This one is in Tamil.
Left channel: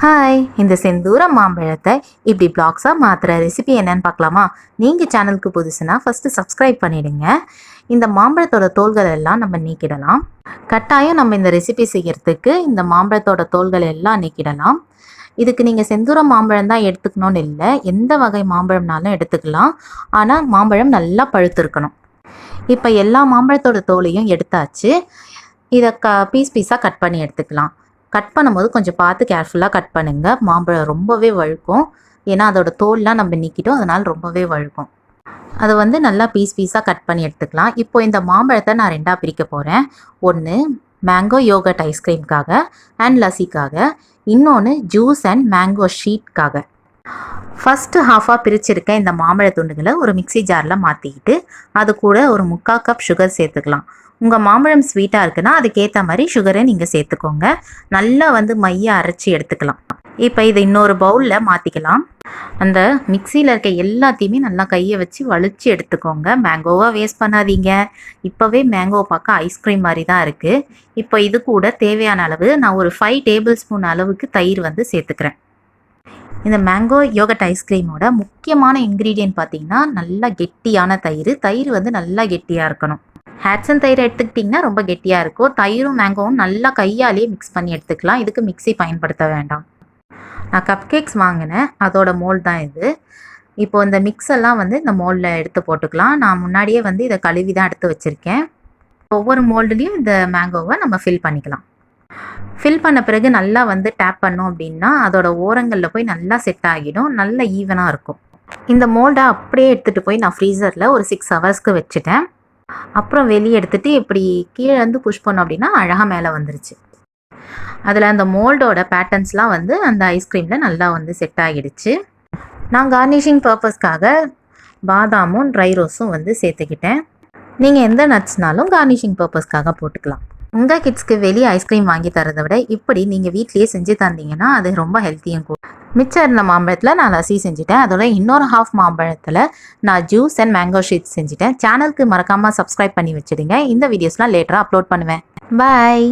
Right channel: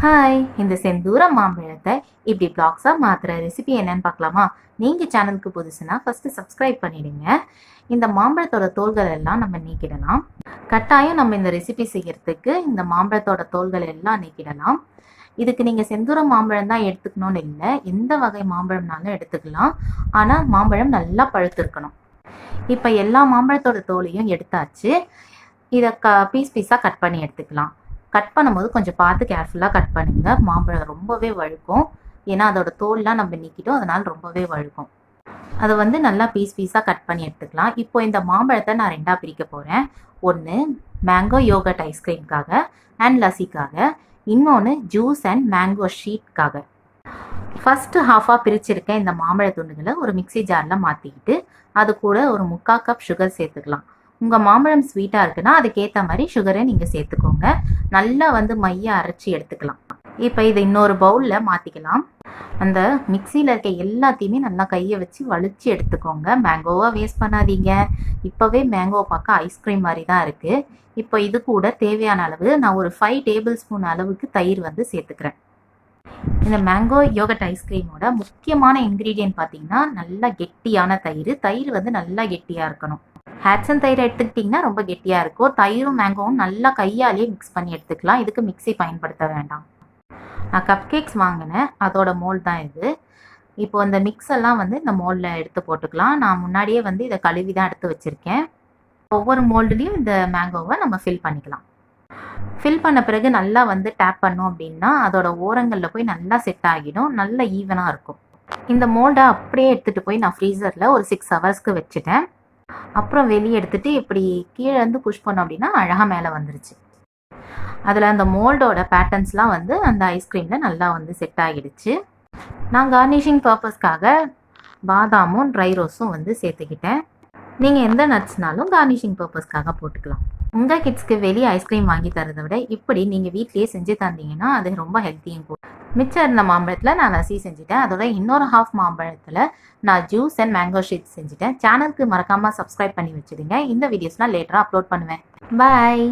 ஹாய், இந்த செந்தூர மாம்பழத்தை இப்படி பிளாக்ஸாக மாற்றுற ரெசிபி என்னன்னு பார்க்கலாமா? நீங்கள் சேனலுக்கு புதுசுனா ஃபஸ்ட்டு சப்ஸ்கிரைப் பண்ணிவிடுங்க. இந்த மாம்பழத்தோட தோல்கள் எல்லாம் நம்ம நீக்கிடலாம். கட்டாயம் நம்ம இந்த ரெசிபி செய்கிறதுக்கு இந்த மாம்பழத்தோட தோல்கள் எல்லாம் நீக்கிடலாம். இதுக்கு நீங்கள் செந்தூர மாம்பழம் தான் எடுத்துக்கணும்னு இல்லை, எந்த வகை மாம்பழம்னாலும் எடுத்துக்கலாம். ஆனால் மாம்பழம் நல்லா பழுத்திருக்கணும். இப்போ எல்லா மாம்பழத்தோட தோலையும் எடுத்தாச்சு. இதை பீஸ் பீஸாக கட் பண்ணி எடுத்துக்கலாம். கட் பண்ணும்போது கொஞ்சம் பார்த்து கேர்ஃபுல்லாக கட் பண்ணுங்கள். மாம்பழம் ரொம்பவே வழுக்கும், ஏன்னா அதோட தோல்லாம் நம்ம நீக்கிட்டோம், அதனால் ரொம்பவே வழுக்கும். அதை நல்லா பீஸ் பீஸாக கட் பண்ணி எடுத்துக்கலாம். இப்போ இந்த மாம்பழத்தை நான் ரெண்டாக பிரிக்க போகிறேன். ஒன்று மேங்கோ யோகர்ட் ஐஸ்கிரீம்காக அண்ட் லஸ்ஸிக்காக, இன்னொன்று ஜூஸ் அண்ட் மேங்கோ ஷீட்காக. ஃபஸ்ட்டு ஹாஃபாக பிரிச்சிருக்க இந்த மாம்பழ துண்டுகளை ஒரு மிக்சி ஜாரில் மாற்றிக்கிட்டு அது கூட ஒரு 3/4 கப் சுகர் சேர்த்துக்கலாம். உங்கள் மாம்பழம் ஸ்வீட்டாக இருக்குன்னா அதுக்கேற்ற மாதிரி சுகரை நீங்கள் சேர்த்துக்கோங்க. நல்லா மைய அரைச்சி எடுத்துக்கலாம். இப்போ இதை இன்னொரு பவுலில் மாற்றிக்கலாம். அந்த மிக்சியில் இருக்க எல்லாத்தையுமே நல்லா கையை வச்சு வலிச்சு எடுத்துக்கோங்க. மேங்கோவாக வேஸ்ட் பண்ணாதீங்க. இப்போவே மேங்கோ பார்க்க ஐஸ்கிரீம் மாதிரி தான் இருக்குது. இப்போ இது கூட தேவையான அளவு நான் ஒரு 5 டேபிள் ஸ்பூன் அளவுக்கு தயிர் சேர்த்துக்கிறேன். இந்த மேங்கோ யோகர்ட் ஐஸ்கிரீமோட முக்கியமான இன்க்ரீடியன்ட் பார்த்தீங்கன்னா நல்லா கெட்டியான தயிர். தயிர் நல்லா கெட்டியாக இருக்கணும். ஹேட்சன் தயிர் எடுத்துக்கிட்டிங்கன்னா ரொம்ப கெட்டியாக இருக்கும். தயிரும் மேங்கோவும் நல்லா கையாலேயே மிக்ஸ் பண்ணி எடுத்துக்கலாம். இதுக்கு மிக்ஸி பயன்படுத்த வேண்டாம். நான் கப் கேக்ஸ் வாங்கினேன், அதோட மோல்ட் தான் இது. இப்போ இந்த மிக்ஸ் எல்லாம் இந்த மோல்டில் எடுத்து போட்டுக்கலாம். நான் முன்னாடியே இதை கழுவி தான் எடுத்து வச்சுருக்கேன். ஒவ்வொரு மோல்டுலேயும் இந்த மேங்கோவை நம்ம ஃபில் பண்ணிக்கலாம். ஃபில் பண்ண பிறகு நல்லா டேப் பண்ணோம் அப்படின்னா அதோட ஓரங்களில் போய் நல்லா செட் ஆகிடும், நல்லா ஈவனாக இருக்கும். இந்த மோல்டை அப்படியே எடுத்துகிட்டு போய் நான் ஃப்ரீசரில் ஒரு 6 ஹவர்ஸ்க்கு வச்சுட்டேன். அப்புறம் வெளியே எடுத்துகிட்டு இப்படி கீழே புஷ் பண்ணோம் அப்படின்னா அழகாக மேலே வந்துருச்சு. அதில் அந்த மோல்டோட பேட்டர்ன்ஸ்லாம் அந்த ஐஸ்கிரீமில் நல்லா செட் ஆகிடுச்சு. நான் கார்னிஷிங் பர்பஸ்க்காக பாதாமும் ட்ரை ரோஸும் சேர்த்துக்கிட்டேன். நீங்கள் எந்த நட்ஸ்னாலும் கார்னிஷிங் பர்பஸ்க்காக போட்டுக்கலாம். உங்கள் கிட்ஸ்க்கு வெளியே ஐஸ்கிரீம் வாங்கி தரதை விட இப்படி நீங்கள் வீட்லேயே செஞ்சு தந்தீங்கன்னா அது ரொம்ப ஹெல்த்தியும் கூட. மிச்சம் இருந்த மாம்பழத்தில் நான் லஸ்ஸி செஞ்சுட்டேன். அதோட இன்னொரு ஹாஃப் மாம்பழத்தில் நான் ஜூஸ் அண்ட் மேங்கோ ஷீட் செஞ்சுட்டேன். சேனலுக்கு மறக்காமல் சப்ஸ்கிரைப் பண்ணி வச்சுடுங்க. இந்த வீடியோஸ்லாம் லேட்டராக அப்லோட் பண்ணுவேன். பாய்.